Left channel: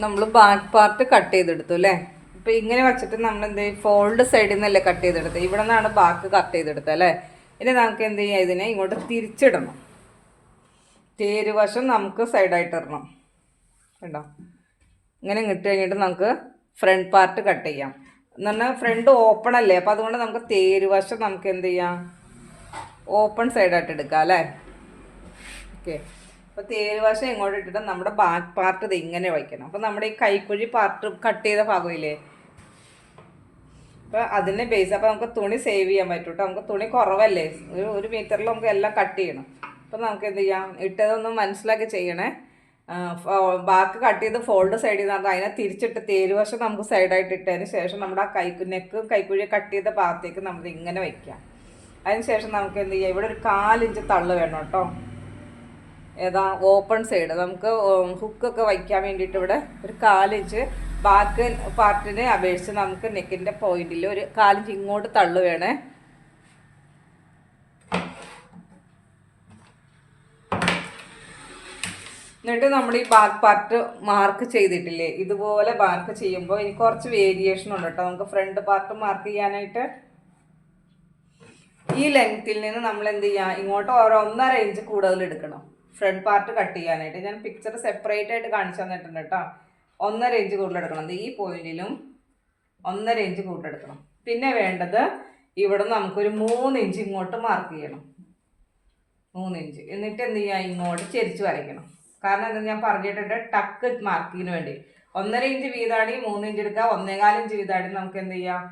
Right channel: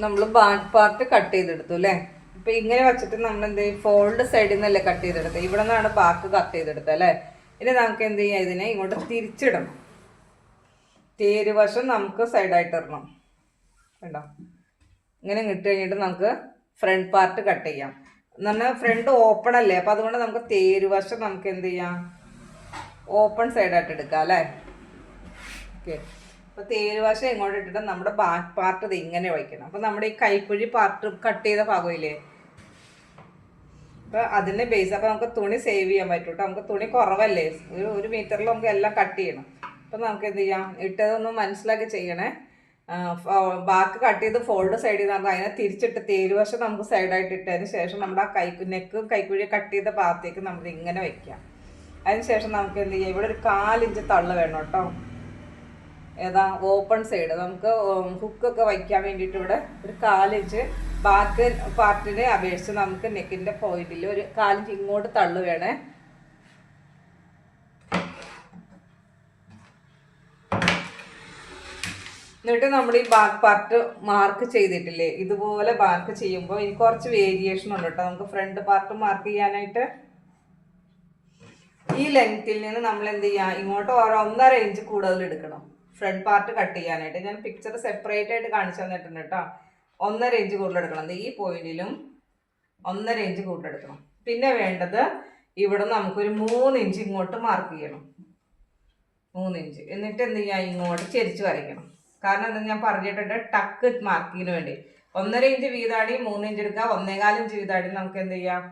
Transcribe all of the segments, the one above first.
നമ്മൾ back part cut ചെയ്തെടുത്തു അല്ലേ. ഇപ്പം ഇങ്ങനെ വെച്ചിട്ട് നമ്മൾ എന്ത് ചെയ്യും, ഫോൾഡ് സൈഡിൽ നിന്നല്ലേ കട്ട് ചെയ്തെടുത്തത്, ഇവിടെ നിന്നാണ് ബാക്ക് കട്ട് ചെയ്തെടുത്തത് അല്ലേ. ഇനി നമുക്ക് എന്ത് ചെയ്യാം, ഇതിനെ ഇങ്ങോട്ട് തിരിച്ചിടണം. തേരുവശം നമുക്ക് സൈഡായിട്ട് ഇടണം. കണ്ടോ, ഇങ്ങനെ ഇട്ട് കഴിഞ്ഞിട്ട് നമുക്ക് ഫ്രണ്ട് പാർട്ട് കട്ട് ചെയ്യാം. എന്ന് പറഞ്ഞാൽ ഫ്രണ്ട് ഓപ്പൺ അല്ലേ, അപ്പം അതുകൊണ്ട് നമുക്ക് തേരുവശം നമുക്ക് എന്ത് ചെയ്യാം, ഓപ്പൺ സൈഡായിട്ട് എടുക്കാം അല്ലേ. ഓക്കെ, അപ്പോൾ തേരുവശം ഇങ്ങോട്ട് ഇട്ടിട്ട് നമ്മുടെ ബാക്ക് പാർട്ട് ഇത് ഇങ്ങനെ വയ്ക്കണം. അപ്പോൾ നമ്മുടെ ഈ കൈക്കുഴി പാർട്ട് കട്ട് ചെയ്ത ഭാഗമില്ലേ, അപ്പോൾ അതിൻ്റെ ബേസ്. അപ്പോൾ നമുക്ക് തുണി സേവ് ചെയ്യാൻ പറ്റും കേട്ടോ. നമുക്ക് തുണി കുറവല്ലേ, ഒരു മീറ്ററിൽ നമുക്ക് എല്ലാം കട്ട് ചെയ്യണം. അപ്പോൾ നമുക്ക് എന്ത് ചെയ്യാം, ഇട്ടതൊന്ന് മനസ്സിലാക്കി ചെയ്യണേ. ബാക്ക് കട്ട് ചെയ്ത് ഫോൾഡ് സൈഡിൽ നിന്ന് അതിനെ തിരിച്ചിട്ട് തേരുവശം നമുക്ക് സൈഡായിട്ട് ഇട്ടതിന് ശേഷം നമ്മുടെ ആ നെക്കും കൈക്കുഴി കട്ട് ചെയ്ത ഭാഗത്തേക്ക് നമ്മൾ ഇങ്ങനെ വയ്ക്കാം. അതിന് ശേഷം നമുക്ക് എന്ത് ചെയ്യാം, ഇവിടെ ഒരു 4 ഇഞ്ച് തള്ള് വേണം കേട്ടോ. ഏതാ, ഓപ്പൺ സൈഡ് നമുക്ക് ഹുക്കൊക്കെ വയ്ക്കാൻ വേണ്ടിയിട്ട് ഇവിടെ ഒരു 4 ഇഞ്ച് ബാക്ക് പാർട്ടിനെ അപേക്ഷിച്ച് നമുക്ക് നെക്കിൻ്റെ പോയിന്റിൽ ഒരു 4 ഇഞ്ച് ഇങ്ങോട്ട് തള്ളു വേണേ. എന്നിട്ട് നമ്മൾ ഈ ബാക്ക് പാർട്ട് മാർക്ക് ചെയ്തിട്ടില്ലേ, ഇതുപോലെ മാർക്ക് ചെയ്യുമ്പോൾ ഈ കുറച്ച് വേരിയേഷൻ ഉണ്ട് കേട്ടോ. നമുക്ക് ഫ്രണ്ട് പാർട്ട് മാർക്ക് ചെയ്യാനായിട്ട് ഈ ലെങ്ത്തിൽ നിന്ന് നമ്മൾ എന്ത് ചെയ്യുക, ഇങ്ങോട്ട് 1.5 ഇഞ്ച് കൂടുതൽ എടുക്കണം ഫ്രണ്ട് പാർട്ട് കട്ട് ചെയ്യാനായിട്ട്. ഞാൻ പിക്ചർ സെപ്പറേറ്റ് ആയിട്ട് കാണിച്ചു തന്നിട്ടുണ്ട് കേട്ടോ. 1.5 ഇഞ്ച് കൂടുതൽ എടുക്കണം. ഈ പോയിന്റിലും 1.5 ഇഞ്ച് കൂടുതൽ എടുക്കണം. പിന്നെ വേണ്ടത് ഇവിടെ നമുക്കൊരു 3 ഇഞ്ച് ഇങ്ങോട്ട് മാർക്ക് ചെയ്യണം. 3 ഇഞ്ച്. എന്നിട്ട് എന്ത് ചെയ്യുക, ഇങ്ങോട്ട് ചെരിച്ച് വരയ്ക്കണം. കാരണം എന്താ, ഞാൻ പറഞ്ഞിട്ടുണ്ട് ടക്ക് മാർക്കിങ്ങിന് വേണ്ടി 1.5 ഇഞ്ച് വീതാടി 3 ഇഞ്ച് എടുക്കുക, 1.25 ഇഞ്ച് വീതാടി നമുക്ക് എന്ത് ചെയ്യാം,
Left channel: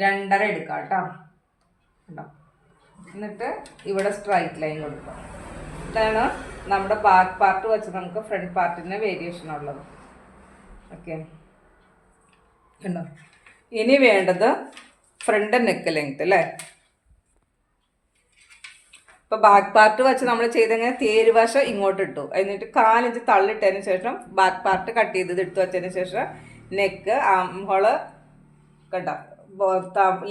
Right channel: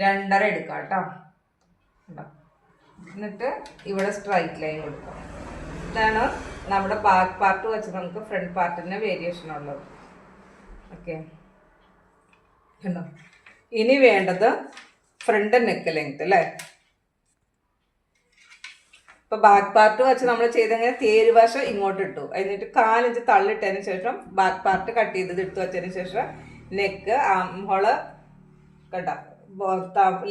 2.5 എടുക്കാം കേട്ടോ. എന്നിട്ട് ഇവിടെ സ്ട്രൈറ്റ് ലൈൻ കൊടുക്കാം. ഇതാണ് നമ്മുടെ ബാക്ക് പാർട്ട് വെച്ച് നമുക്ക് ഫ്രണ്ട് പാർട്ടിന് വേരിയേഷൻ ഉള്ളത്. ഓക്കെ, കണ്ടോ. ഇനി വേണ്ടത് ഫ്രണ്ട് നെക്ക് ലെങ്ത് അല്ലേ. ഇപ്പോൾ ബാക്ക് പാർട്ട് വെച്ച് നമ്മൾ ചെയ്തെങ്ങനെ തേരുവശം ഇങ്ങോട്ട് ഇട്ടു, എന്നിട്ട് 4 ഇഞ്ച് തള്ളിട്ടതിന് ശേഷം ബാക്ക് പാർട്ട് കട്ട് ചെയ്തത് എടുത്തു വെച്ചതിന് ശേഷം നെക്ക് ആംഹോള് കണ്ടോ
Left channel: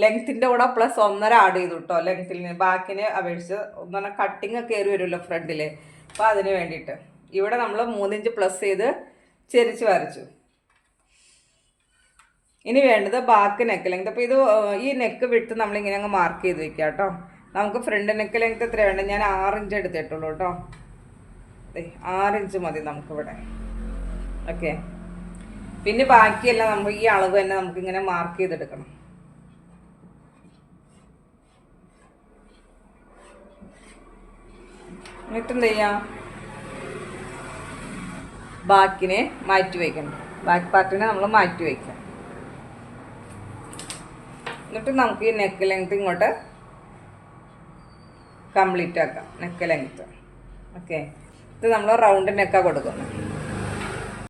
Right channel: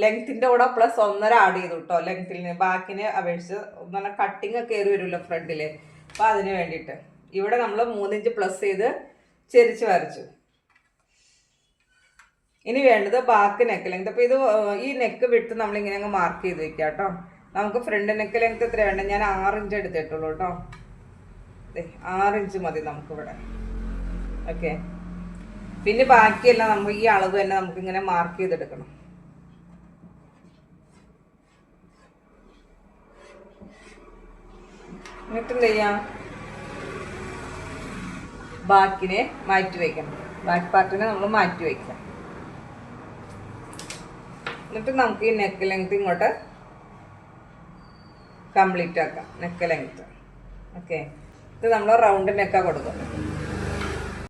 ലെങ്ത്തിൻ്റെ കൂടെ പ്ലസ് 1.5 ആഡ് ചെയ്തു കേട്ടോ. ലെങ്ത്തിൽ ബാക്കിന് അപേക്ഷിച്ച് ഒന്നും കട്ടിങ് കയറി വരുമല്ലോ ഫ്രണ്ടിൽ. അപ്പോൾ അതിന് വേണ്ടിയിട്ട് ഇവിടെ നമ്മൾ 3 ഇഞ്ച് പ്ലസ് ചെയ്ത് ചെരിച്ച് വരച്ചു. ഇനി വേണ്ടത് ബാക്ക് നെക്ക് ലെങ്ത്. അപ്പോൾ ഇത് ഈ നെക്ക് വിട്ട് നമ്മളിങ്ങനെ അങ്ങ് മാർക്ക് ചെയ്ത് വെക്കാം കേട്ടോ. നമുക്ക് ഫ്രണ്ട് നെക്ക് ലെങ്ത് എത്ര വേണ്ട, ഞാൻ 6 ഇഞ്ച് എടുത്തിട്ടുള്ളൂ കേട്ടോ. 6 ഇഞ്ച് മതി നമുക്കിവിടെ. ഓക്കെ, പിന്നെ ബാക്കിയെല്ലാം നമുക്ക് ഈ അളവ് തന്നെ നമുക്കിങ്ങനെ മാർക്ക് ചെയ്തെടുക്കണം. എന്നിട്ട് എന്ത് ചെയ്യാം, ബാക്കിനെ മാറ്റി വയ്ക്കണം. ബാക്ക് പാർട്ടിനെ നമ്മൾ മാറ്റി വയ്ക്കാം. എന്നിട്ട് നമുക്ക് ഈ നെക്ക് ലെങ്ത് ഇങ്ങോട്ട് കംപ്ലീറ്റ് ആക്കാം. Neck length. ഓക്കെ, ഇത് നമ്മൾ റൗണ്ട് നെക്കാണ് കൊടുക്കുന്നത്.